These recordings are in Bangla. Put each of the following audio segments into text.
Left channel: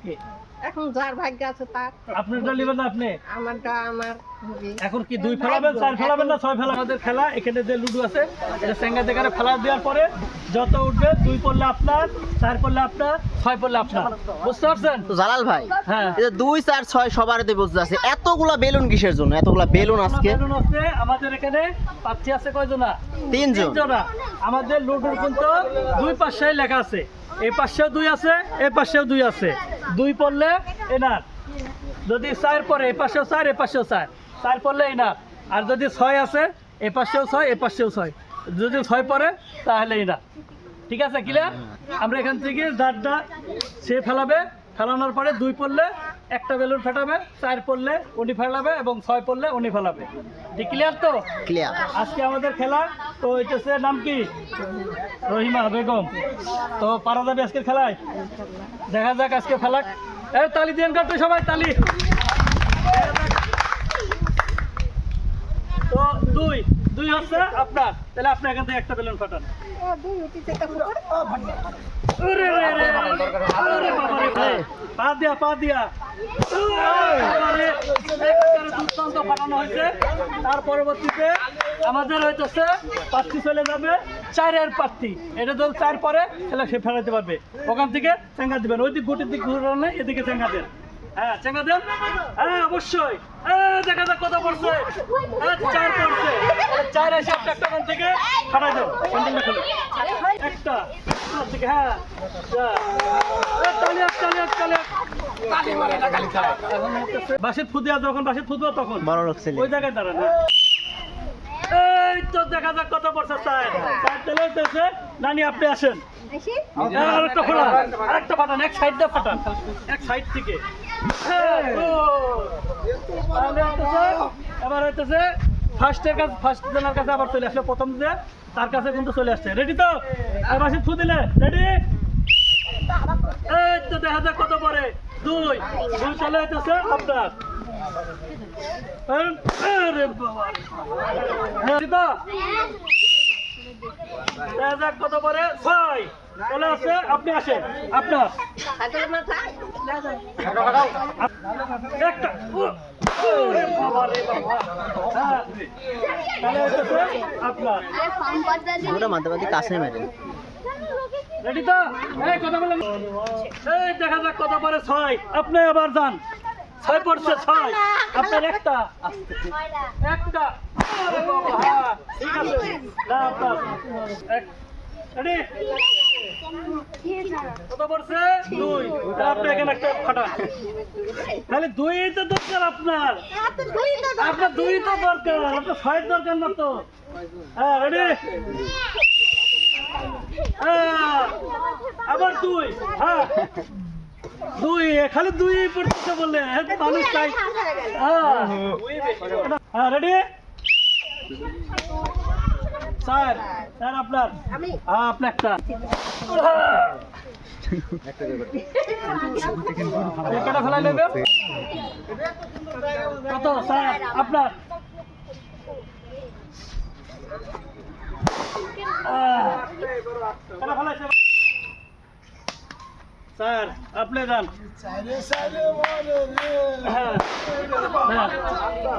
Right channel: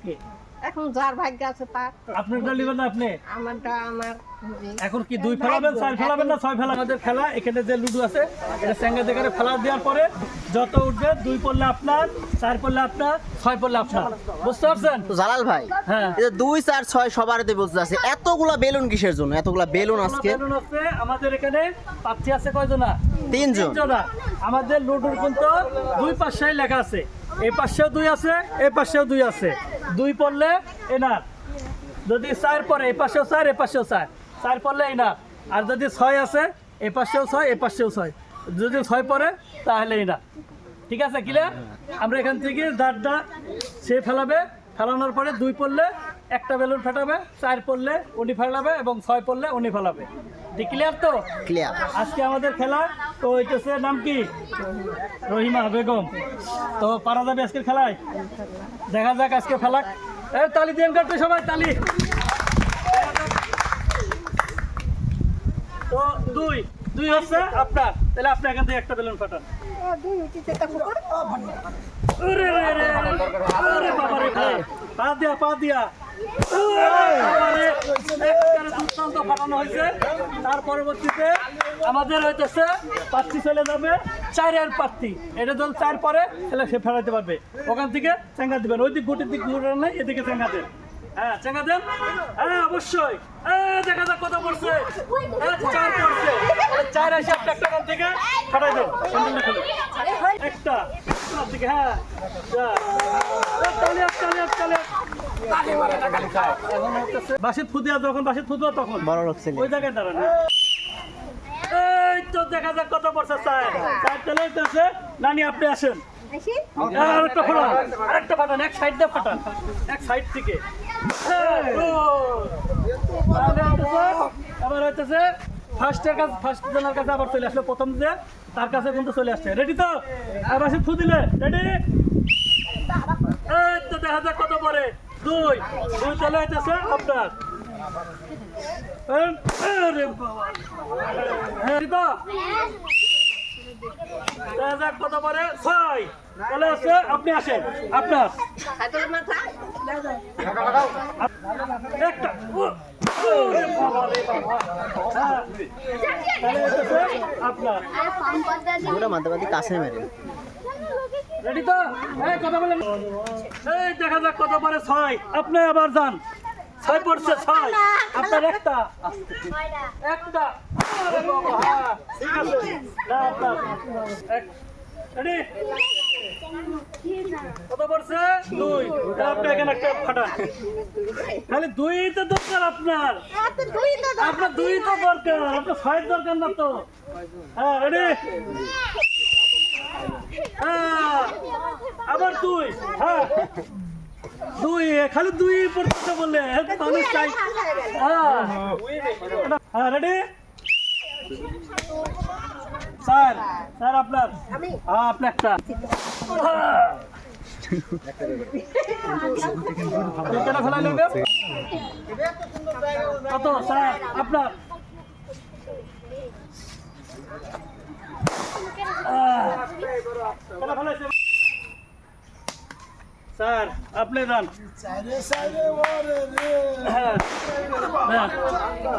আজকে। এখন যার ভাগ্য আছে তার আপনারটা নেবেন না আপনি? আমারটা আমার এখন কি দুই ফেলাবেন চার ফেলাবেন না ছয় ফেলা আমাদের খেলা এখানে যে লুডু আছে এটা স্যাঙ্গা দেখারে ফেলা দেওয়ার পরে যত উঠবে দুই পড়লে আপনার চার পড়লে আপনার ছয় পড়লে আপনার। বুঝতে পারছেন? জালাল ভাই হ্যাঁ। দুই চার ছয় সবার এতে বুঝতে আছে এতগুলা বেলুন কিসের জন্য? এতগুলা বেলুন আজকে? বেলুন আছে আমাদের এখানে প্রার্থী আছে কয়জনা? তিনজন। তিনজনা। আমাদের লুডুর কিন্তু দুই পাশে লেখা আছে এই পাশেও দুই আছে এই পাশেও দুই আছে। দুই পড়লে এনার। যদি চার পরে এপাশেও পাশেও চার এপাশেও পাশেও চার। চার পড়লে এনার। আর যদি ছয় আছে এপাশেও পাশেও ছয় এপাশেও পাশেও ছয়। যদি ছয় পরে তাহলে এনার। ঠিক আছে ক্লিয়ার আমরা এখান থেকে দাঁড়টা সে ফেলাবে ফেলানোর পরে দুই পড়লে একটা বেলুন ফেটাবে চার পড়লে উনি ফেলাবে এবং ছয় পড়লে উনি ফেলাবে। ঠিক ক্লিয়ার তো? ক্লিয়ার আজকে আমাদের খেলা তো হইতেছে নাম কি? রহিমা বেগম। তো পারা যাবে আজকের খেলায়? দেখা যাক আজকে ফেলাক এই তালি দিন করতে সবাই তালি। তো দুই। দুই হচ্ছে আপনার। তাহলে আপনি এখান থেকে একটা বেলুন ফাটান। পা হয়েছে। তার পরবর্তীতে আমাদের হইতেছে প্রার্থী চলে যাবে চারের প্রার্থী এটা যদি চার পরে, তাহলে সে ফেলাতে পারবে। ওখান থেকে চেঙ্গা দিবেন। ওই দিক গুটির দিক ঘুরে এদিকে চেঙ্গা দেন। হ্যাঁ চেঙ্গা দেন? হ্যাঁ অবশ্যই। হ্যাঁ দেখা যাক কত পড়ছে। পড়ছে চার এসে আপনি একটা ওখান থেকে ফাটাই দেন। স্যান্ডেলটা খুলে একটা। দিকে হ্যাঁ। বাসির ফুদিয়া যখন বাসির ফুদুয়া তখন। বড় লোক ওই জায়গায় দাঁড়ান হ্যাঁ। এই তো দেখা যাক কত পড়ছে চার। চার তেলে হইতেছে। নানি আপনি আসেন। আসি? হ্যাঁ, আরেকটা ফাটান আরেকটা ফাটান এক সাইড দিয়ে ফাটান এক সাইড থেকে। হ্যাঁ, এবার হইতেছে ফার্স্টের কাছে ফার্স্ট জনের কাছে আবার চলে আসলে প্রথম যে তার কাছে কিন্তু চলে আসছে। রেডি তো? এবার সে ফু দিলে। রেডি এই তো দেখা যাক কত পরে দুই। দুই চলে হইতেছে আপনার? দেখা যাক কত পরে ছয়। চলে আসছে। আপনি আসেন। আপনার। একটা। আপনার মেরেন রেডি তো এই দেখা যাক কত পরে ছয় আপনি আবার ছয় পড়ছে ছয় আপনার একটা একটা কত পড়ছে? দুই। তা দরকার আপনার। আপনার দুই তো দরকার। আপনার দরকার না তো। হ্যাঁ রেডি হ্যাঁ, আবার দুই। হ্যাঁ। দুই খালি দুই পড়তেছে বলে মানুষ চাই। হ্যাঁ। হ্যাঁ রেডি স্যার স্যার আপনার। হ্যাঁ আপনার একটা। একটা ফেলাই নেবে কত স্যার আপনার? স্যার আপনি যান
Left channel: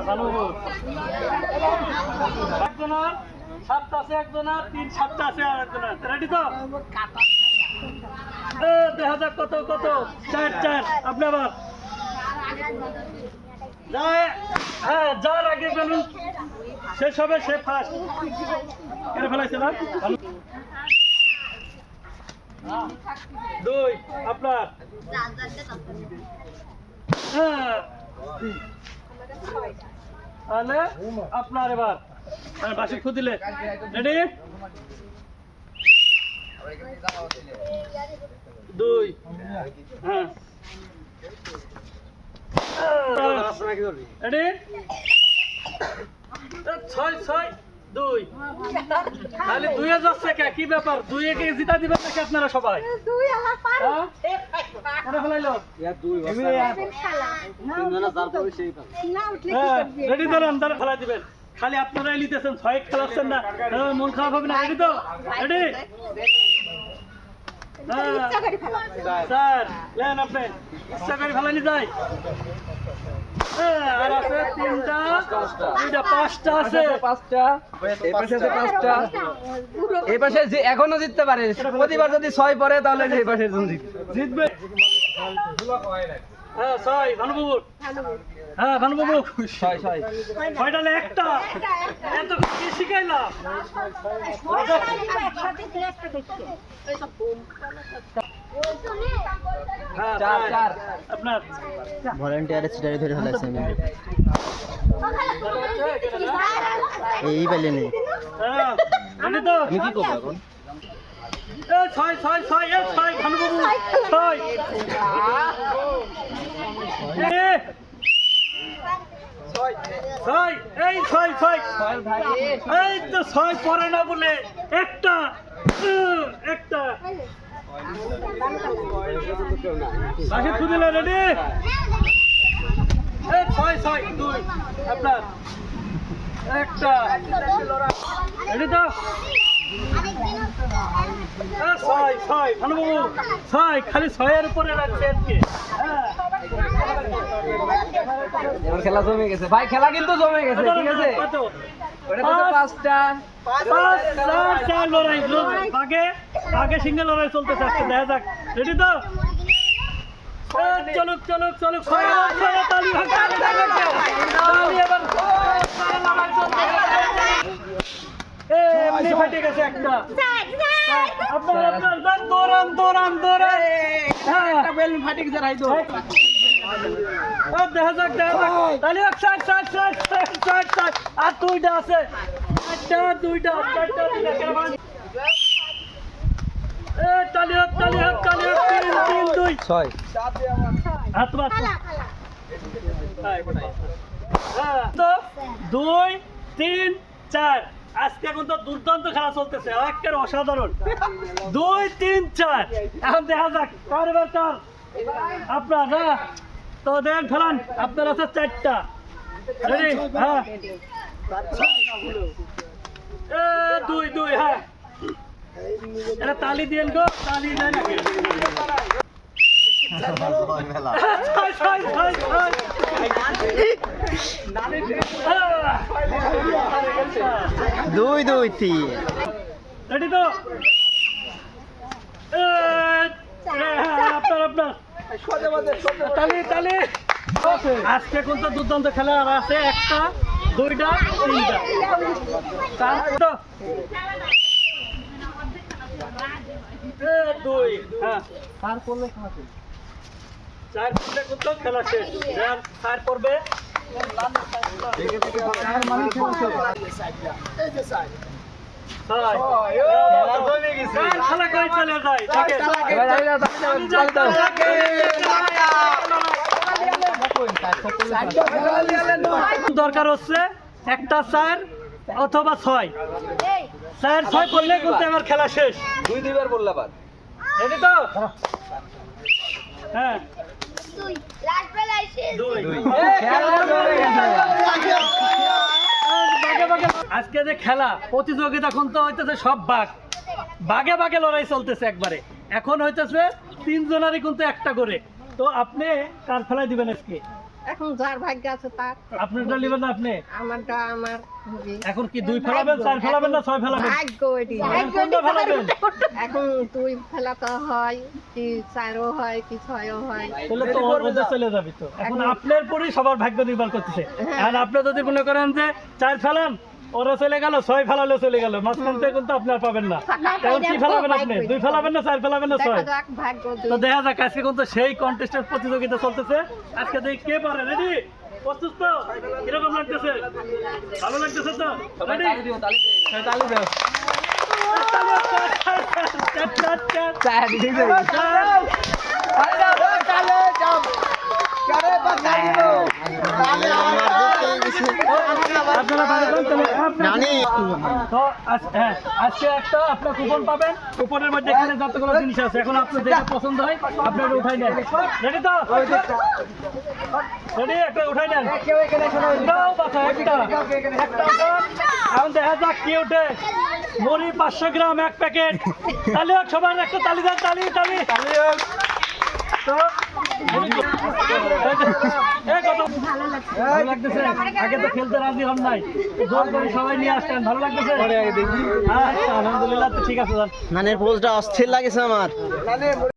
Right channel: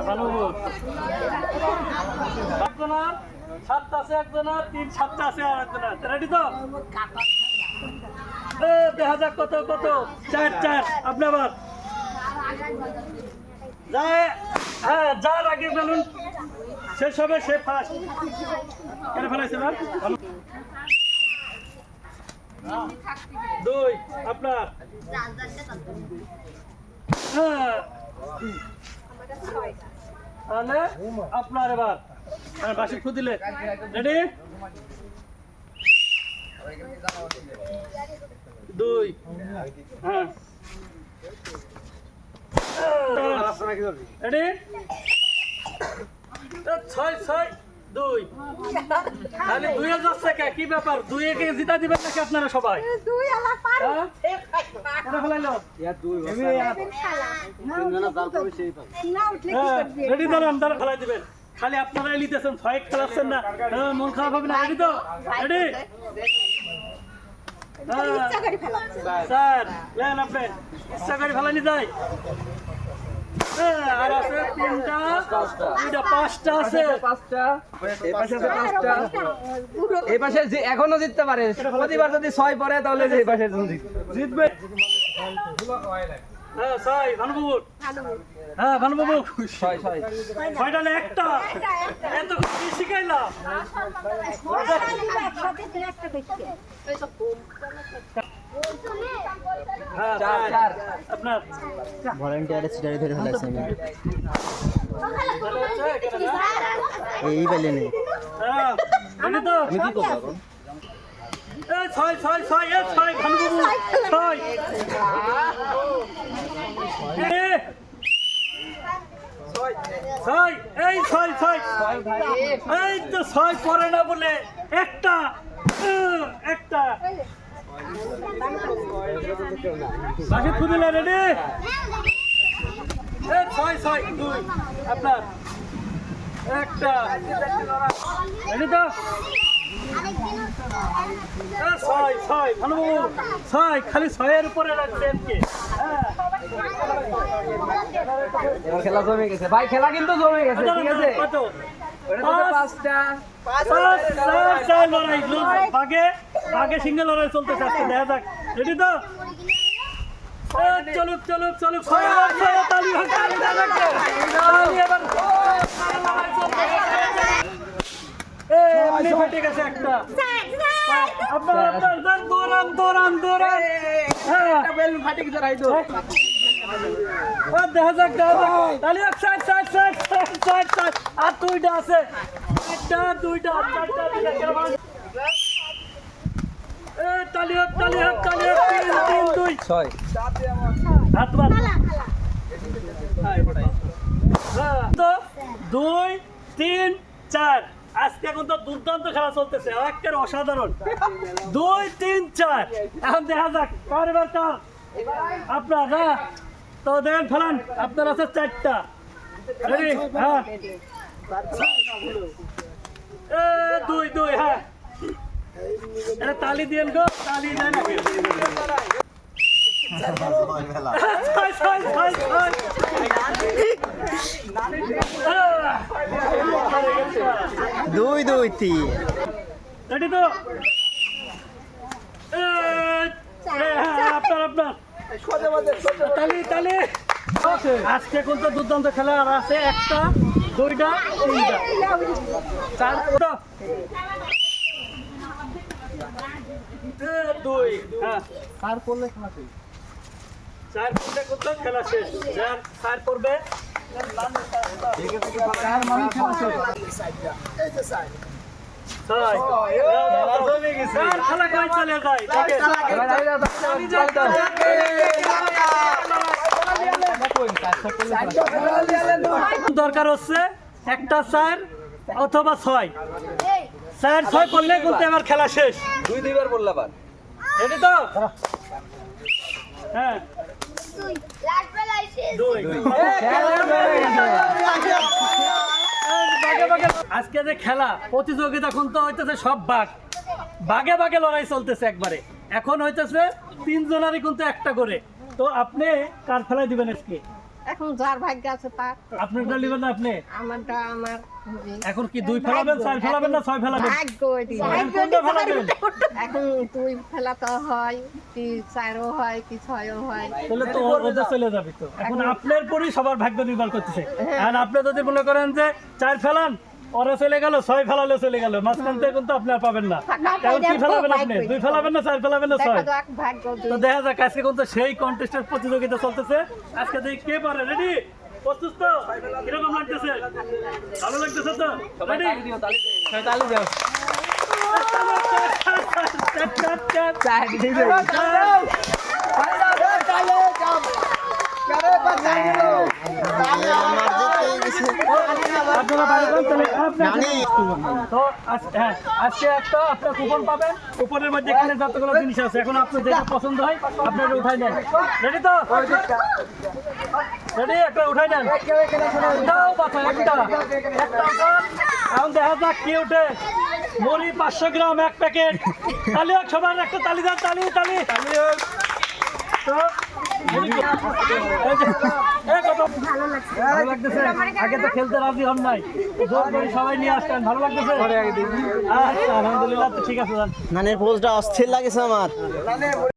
ভালো সাতটা আছে একজনের তিন সাতটা আছে আর একজনের রেডি তো? দেখা যাক কত কত। চার চার, আপনি আবার। হ্যাঁ যার আগে বেলুন, শেষ হবে, সে ফার্স্ট কেন ফেলাইছে না? দুই, আপনার। হ্যাঁ। তাহলে, আপনার এবার। হ্যাঁ বাসি খুদিলে রেডি দুই। হ্যাঁ। রেডি ছয় ছয় দুই। তাহলে যাচ্ছে কে কি ব্যাপার? দুইয়ে কে জিতা দিবেন নাকি আপনারা সবাই? হ্যাঁ? হ্যাঁ রেডি দাঁড়ান দাঁড়ান ফেলাই দিবেন। খালি আপনারাই লিতেছেন ছয় খেলাচ্ছেন না। হ্যাঁ, মন খারাপ হবে না রেডি তো? রেডি? হ্যাঁ। স্যার লেন আপনি। ইচ্ছা করে ফেলানি যায়। হ্যাঁ, আর আছে তিনটা দুইটা পাঁচটা আছে। পাঁচটা। এই পাশে আছে পাঁচটা। এই পাশে যে এখনও জিততে পারে প্রতিবার যদি ছয় পড়ে তাহলে যে এই পাশে জিতবে। জিতবে। হ্যাঁ ছয় ভানুবাবু হ্যাঁ ভানুবাবু ছয়টা একটা। এত কি শিখাইলাম? হ্যাঁ চার, চার। চার। আপনার। ভলেন্টিয়ারে সিটারি ধরে ফেলাইছে এই পাইলে নেই হ্যাঁ তো? আমি কি করব ছয় ছয় ছয় ছয় ভানুবাবু। ছয় এ, ছয়, এই ছয় ছয়। এই তো ছয় পরে না বলে একটা একটা। বাকি খুদিলে রেডি? এই ছয় ছয়, দুই, আপনার। একটা। রেডি তো? ছয় ছয়, ভানুবাবু খালি ছয়ের উপরে রাখছে আজকে। খেলা জমে গেছে। ভাই খেলা কিন্তু জমে গেছে ঠিক আছে? কত পাঁচটা। বাঘে বাঘে সিঙ্গেল লড়াই চলতেছে আজকে দেখা যাক। রেডি তো? লড়াই চলতেছে। এ, এমনি ফেটে গেছে একটা। আপনার আপনার দৌড়ান দৌড়ান হ্যাঁ বেলুন ফাটে গেছে রাইতো আর দেখা যাক দেখা যাক। তাহলে এক side side side side side side আর দুইটা আছে। চারটা দুইটা চারটা দুইটা এ তালি হোক তালি হোক তালি হোক তিন তিন দুই। ছয়। হাত বাদ। হ্যাঁ, দুই তিন চার। আজকে এখন তো দুর্দান্ত খেলা চলতেছে। একের অসাধারণ। দুই তিন চার। এখন দেখা যাক কার এবার কার? আপনার তো দেখেন ফেলান আপনার আছে চারটা। রেডি হ্যাঁ। এ দুই দুই হ্যাঁ। এটা তালি দিয়েন গো তালি ছয় দুই দুই তিন। রেডি তো? আপনার আপনার। তালি তালি। আজকে কোন তো দুর্দান্ত খেলা? আর আছে একটা দুইটা তিনটা। চারটা। দুই। হ্যাঁ। চার কত খেলা শেষ। চার পড়বে ছয়। খেলা করে চলে যায় দেখে এবার যাই না, তাহলে দরকার হচ্ছে একটা চার অথবা ছয় চার ছয় করলে কিন্তু এবার খেলা শেষ দুই দুইবার বললে আবার রেডি তো হ্যাঁ দুই আজকে যে খেলা, প্রতিযোগিতা এখন তো হইতেছে সব বাঘ। বাঘে বাঘে লড়াই চলতেছে একবারে। এখন হইতেছে তিনজনারই কিন্তু একটা করে। তো আপনি কার ফেলাই দিবেন আজকে? এখন যার ভাগ্য আছে তার। আপনারটা নেবেন না আপনি? আমারটা আমার এখন কি দুই ফেলাবেন চার ফেলাবেন না ছয় ফেলাবেন? ভাগ্য এটি। এখন কোনটা ফেলাবেন? এখন দুই ফেলাতে হয় কি চারও হয় কি ছয়ও হয়। তাহলে তো ওদের চলে যাবে তো। এখন আপনার পরই সবার ভাগ্য নির্ভর করতেছে। আর আপনি যদি মনে করেন যে চার ফেলান ওরা চলে গেল ছয় ফেলালে চলে গেল। মাঝখান থেকে কিন্তু আপনি আর পাবেন না। এখন কি ফেলাবেন আপনি? দুই ফেলাবেন না চার ফেলাবেন না ছয়? তো দেখা যাক আজকে কিন্তু সেই কন্টেস্টের প্রতিযোগিতা চলতেছে। আজকে দেখি কে পারে। রেডি প্রস্তুত তো? কীরকম লাগতেছে? ভালো লাগতেছে তো? রেডি দেও। চার আপনারা বাড়ি কোন তাহলে তো হ্যাঁ, আজকে একটা আপনার কুপন পাবেন। কুপনের মধ্যে এখানে যতগুলো জিনিস আছে এখন আপনার যেটা পছন্দ হয় আপনি এটা উঠাই নেন। রেডি তো? রেডি একটা উঠাই নেন। উঠাও বাচ্চা একটা। একটা উঠান। এখন দেখা যাক কি উঠে। মুড়ি পাঁচশো গ্রাম এক প্যাকেট। তালি হোক সবার একটা তালি দেন তালি তালি। তো, ভালো লাগতেছে? আগে তো খেলতে রাজি হন নাই। সবাই নিয়ে আসতেন ভালো লাগতেছে? আচ্ছা ঠিক আছে মানে পোজটা অস্থির লাগেছে আমার।